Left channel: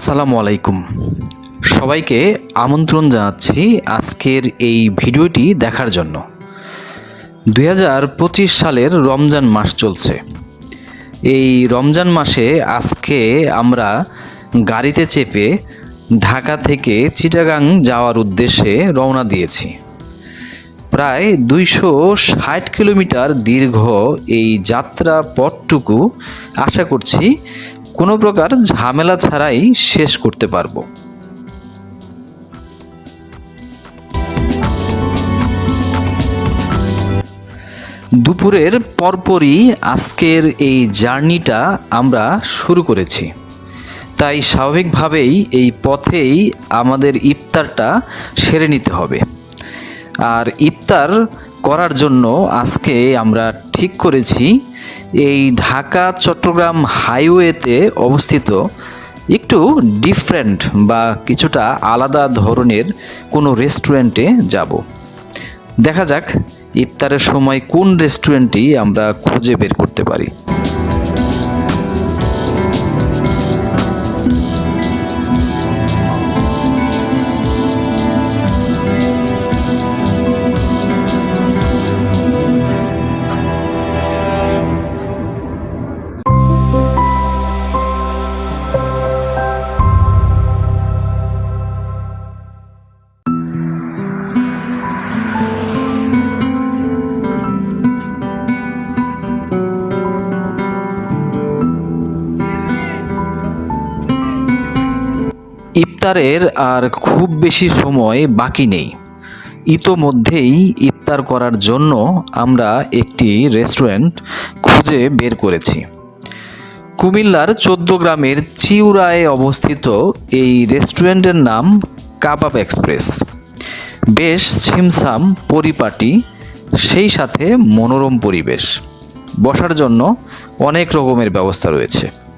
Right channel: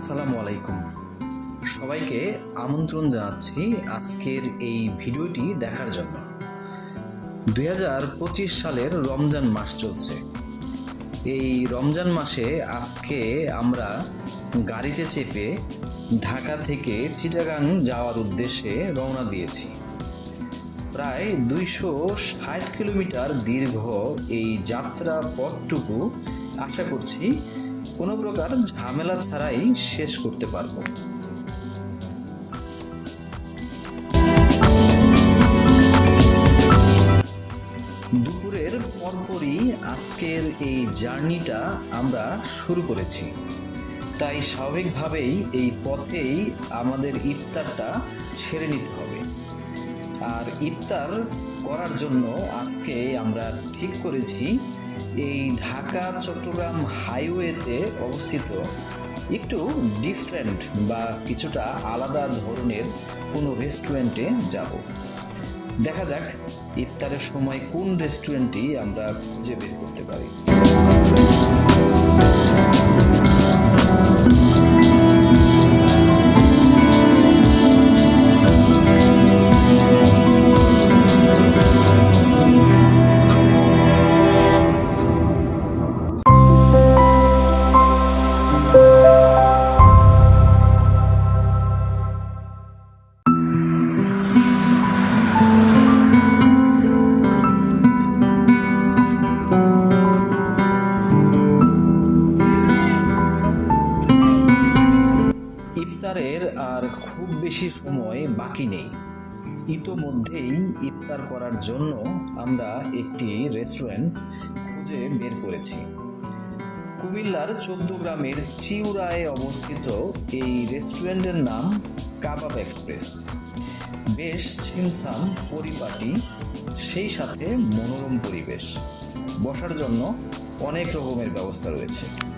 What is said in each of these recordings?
আসসালামু আলাইকুম। সবাইকে আমন্ত্রণ জানাচ্ছি আজকের এই ভিডিওটি দেখার জন্য। দু হাজার পঁচিশ সালের রমজান মাস চলছে। এই রমজান মাসে আজকে আমরা গাড়িতে চেপে ঢাকা থেকে চিটাগাং যাওয়ার উদ্দেশ্যে রওনা দিয়েছি। প্রায় দুইশো ষাট কিলোমিটার দীর্ঘ এই যাত্রা পথটুকু আশা করছি কোনো প্রকার ঝামেলা ছাড়াই শেষ করতে পারব। দুপুরের পরপরই আজকের এই জার্নিটা আমরা শুরু করেছি। তাই স্বাভাবিকভাবেই এই পথেই আমাদের ইফতারটা সেরে নিতে হবে। আর ইফতার করার জন্য আজকে আমরা ঠিক করেছি এই ঢাকা, চট্টগ্রাম হাইওয়েতে অবস্থিত একটু ডিফারেন্ট বা কিছুটা আলাদা ধরনের কোনো রেস্টুরেন্টে যাব। দেখা যাক ইফতারের সময় কোন রেস্টুরেন্টটি আমরা খুঁজে বের করতে পারি। ইফতারের আর খুব বেশি সময় বাকি নেই। ইতোমধ্যেই ইফতার করার জন্য আমরা একটি রেস্টুরেন্ট খুঁজে বের করেছি। কুমিল্লার চোদ্দ গ্রামের চিউরায় অবস্থিত এই রেস্টুরেন্টের নাম কাবাব এক্সপ্রেস। বেশ ছিমছাম পরিপাটি, সেই সাথে মনোরম পরিবেশ। বসার জন্য অনেক রকমের ব্যবস্থা রয়েছে।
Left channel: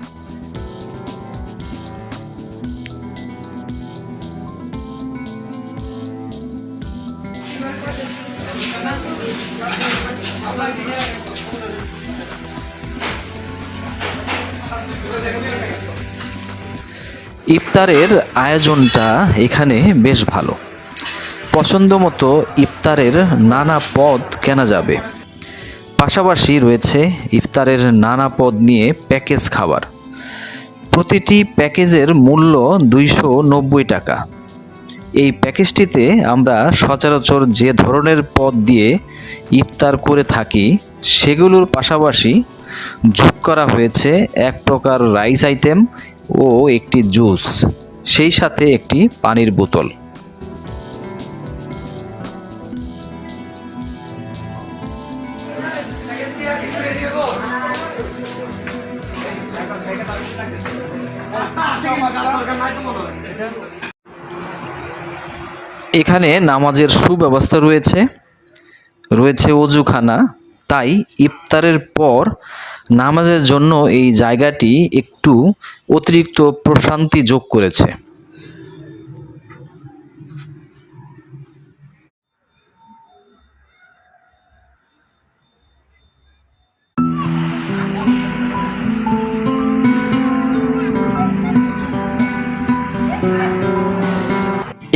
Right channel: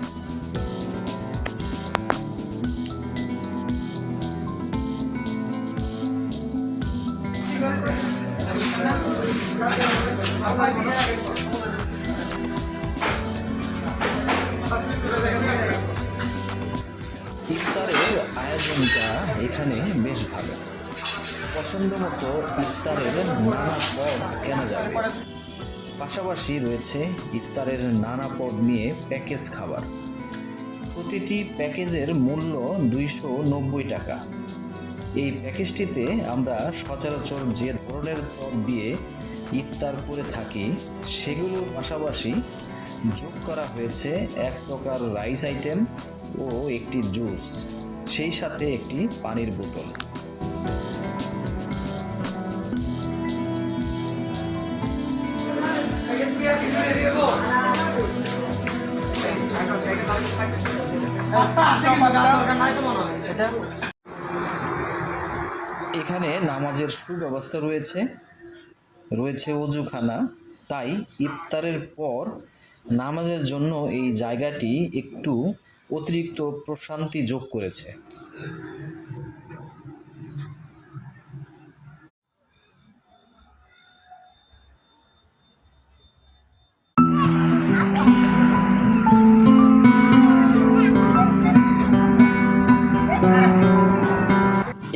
ইফতারের আয়োজনটা এখানে বেশ ভালো। পছন্দ মতো ইফতারের নানা পদ কেনা যাবে। পাশাপাশি রয়েছে ইফতারের নানা পদ নিয়ে প্যাকেজ খাবার। প্রতিটি প্যাকেজের মূল্য দুইশো নব্বই টাকা। এই প্যাকেজটিতে আমরা সচরাচর যে ধরনের পদ দিয়ে ইফতার করে থাকি, সেগুলোর পাশাপাশি যোগ করা হয়েছে এক প্রকার রাইস আইটেম ও একটি জুস, সেই সাথে একটি পানির বোতল। এখানে নামাজের সুব্যবস্থা রয়েছে। রয়েছে অজুখানা। তাই ইফতারের পর নামাজের জন্য এই জায়গাটি একটু অতিরিক্ত প্রশান্তি যোগ করেছে।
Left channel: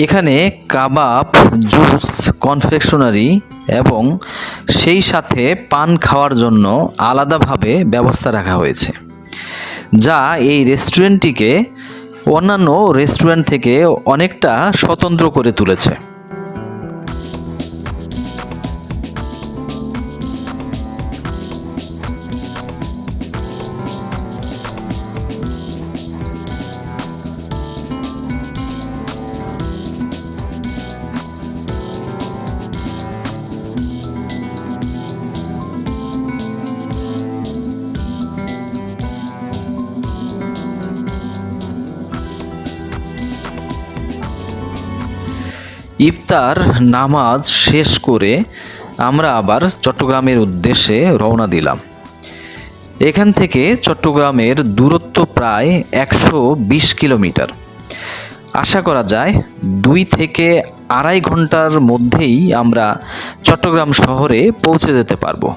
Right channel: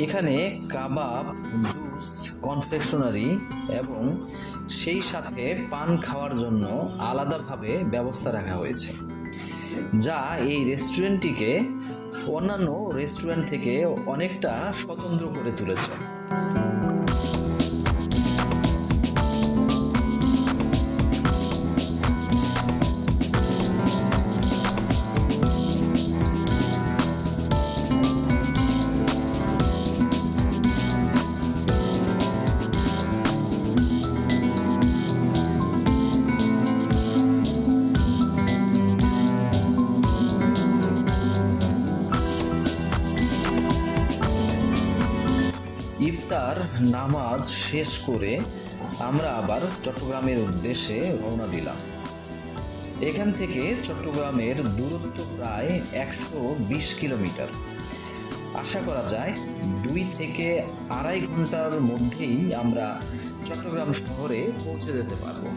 এখানে কাবাব, জুস, কনফেকশনারি এবং সেই সাথে পান খাওয়ার জন্য আলাদাভাবে ব্যবস্থা রাখা হয়েছে, যা এই রেস্টুরেন্টটিকে অন্যান্য রেস্টুরেন্ট থেকে অনেকটা স্বতন্ত্র করে তুলেছে। ইফতার নামাজ শেষ করে আমরা আবার চট্টগ্রামের উদ্দেশ্যে রওনা দিলাম। এখান থেকে চট্টগ্রামের দূরত্ব প্রায় একশো বিশ কিলোমিটার। আশা করা যায় দুই থেকে আড়াই ঘণ্টার মধ্যেই আমরা চট্টগ্রাম শহরে পৌঁছে যেতে পারব।